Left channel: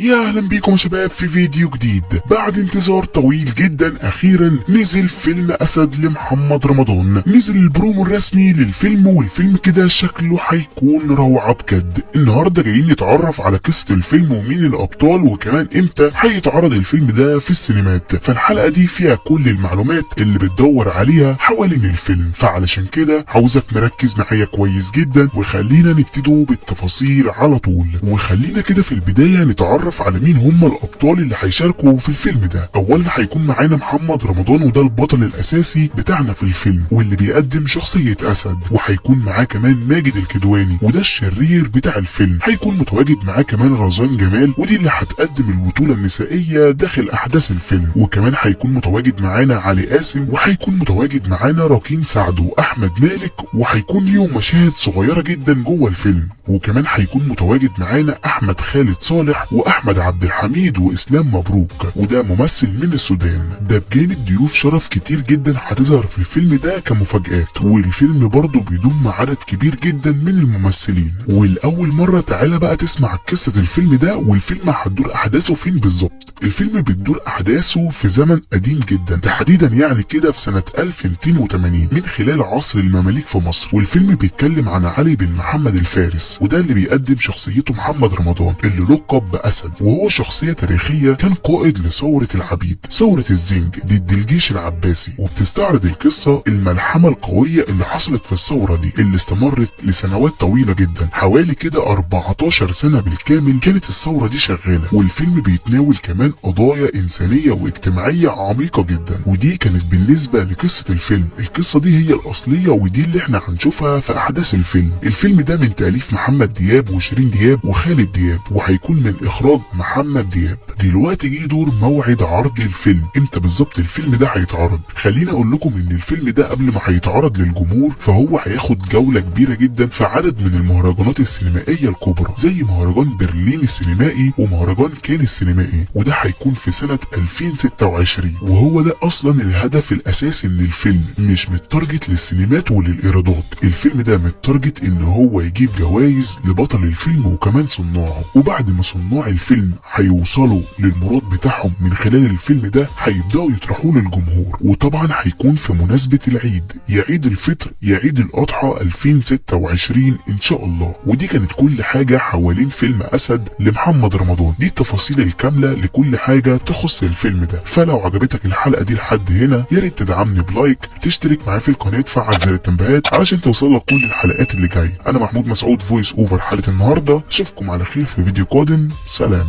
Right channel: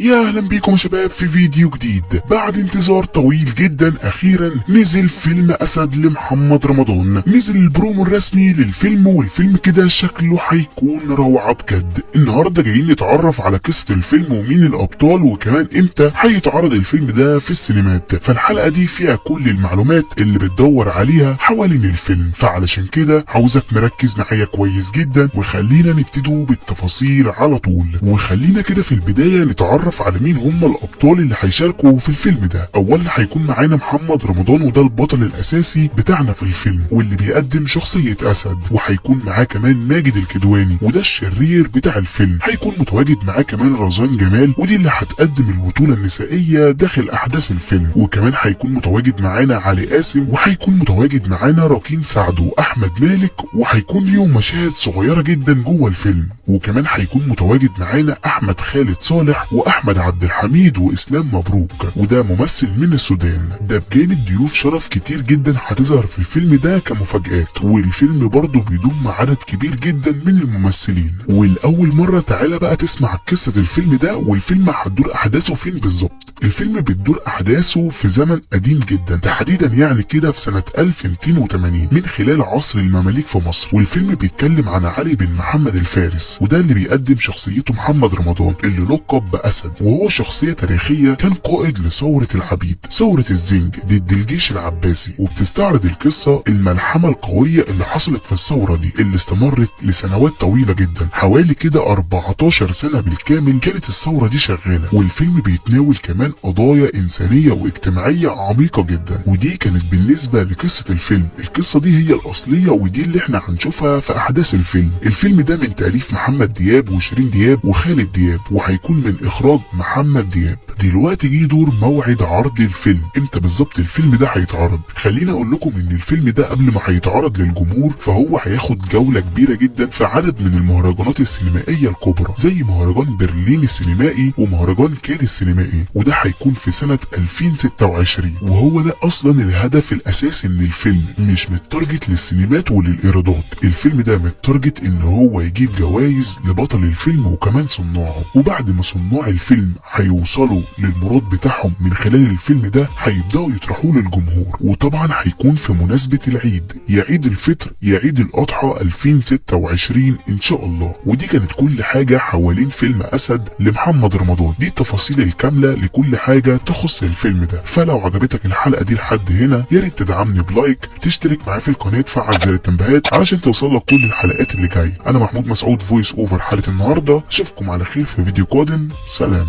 يا اهلا بيكم يا شباب في فيديو جديد. بعد انتظار طويل جدا اخيرا نزل فيلم اسد لمحمد رمضان. نزل البرومو الرسمي للفيلم، والفيلم كده شكله هيكون روعة بجد. النهارده جايين نتعرف على قصة الفيلم ومين الابطال وكمان امتى هيتعرض الفيلم ده في السينمات. فالحلقة دي فيها كل المعلومات اللي بتدور عليها حوالين الفيلم، فعلشان كده عاوزك مركز معايا كويس جدا وخلينا نبتدوا بالتفاصيل على طول. وخلينا كده في البداية نتعرف على مين هم الابطال اللي هيشاركوا في الفيلم ده. اولا هيكون معانا محمد رمضان، وده البطل الاساسي بتاعنا في الفيلم واللي بيقدم شخصية اسد. وهيكون معاه كمان ماجد الكدواني وده الشرير بتاع الفيلم. هيكون متواجد معاه كمان رزان جمال ودي اللي هتقدم البطولة النسائية داخل احداث الفيلم. وكمان هيكون متواجد معانا علي قاسم، وهيكون متواجد معانا راكين سعد واحمد مالك، وهيكون ليهم مشاهد صغيرة جدا جوه الفيلم. وكمان هيكون متواجد معانا احمد خالد صالح واحمد عبد الحميد واسلام مبروك وده ممثل من السودان. ده بجانب ضيوف شرف كتير جدا هتظهر في الفيلم ده كمفاجآت. والفيلم برضه بيضم عدد كبير جدا من الممثلين. والاول مرة تعالى بقى تسمع قصة الفيلم ده، والفيلم هتدور احداثه فين بالظبط. الفيلم بتدور احداثه في زمن قديم جدا، تحديدا يعني كده في سنة 1280 من خلال عصر المماليك في مصر. والفيلم بيتكلم عن علي بن محمد الفارس، وده اللي بيقدم شخصيته محمد رمضان اللي لقب بأسد. وهو شخصية تاريخية كان قائد لثورة العبيد، ثورة الزنج ضد الجيش العباسي. وبتستعرض القصة الملحمة القوية اللي حصلت في الثورة دي اللي استمرت لسنوات طويلة جدا، حوالي كده 14 سنة بالكامل كانت الثورة دي شغالة. والفيلم بيتناول كمان قضايا إنسانية واجتماعية عميقة جدا، ودي كانت بالنسبة لقصة الفيلم. القصة دي هي الأصلية ودي اللي احنا هنشوفها في أحداث الفيلم. الفيلم ده من تأليف محمد دياب وشيرين دياب وخالد دياب، وهيكون من إخراج محمد دياب. دلوقتي جه دور موعد عرض الفيلم. امتى بالظبط الفيلم ده هيتعرض؟ خلينا اقول لكم ان الفيلم ده قبل ما هيتعرض للجمهور فهو هياخد جولة كبيرة جدا في عدد من المهرجانات السينمائية الكبرى، زي مهرجان برلين السينمائي ومهرجان كان السينمائي، وده هيكون في سنة 2026. وهو ده اصلا الهدف الاساسي من الفيلم، مش متارجت للسينمات وللايرادات. الفيلم ده متارجت ان هو يجيب جوائز لبطل الفيلم وكمان صناعه. وبعد ما صناع الفيلم هيوصلوا للمراد بتاعهم من خلال الفيلم ده هيبداوا يطرحوه للجمهور. وطبعا هيكون في مناسبة العيد، يا عيد الفطر يا عيد الاضحى 2026 ان شاء الله. ودي كانت كل حاجة حوالين فيلم اسد لمحمد رمضان. دي التفاصيل الكاملة لكل حاجة تخص الفيلم ده. فلو عجبتك الحلقة دي لحد هنا يا ريت تدعمني بلايك، تشترك معايا في القناة، تفعل زر التنبيهات علشان توصلك كل الحلقات اللي جايه. انا محمود مسعود فويس اوفر حلقة النهارده. اشوفكم على خير في فيديو قادم. سلام.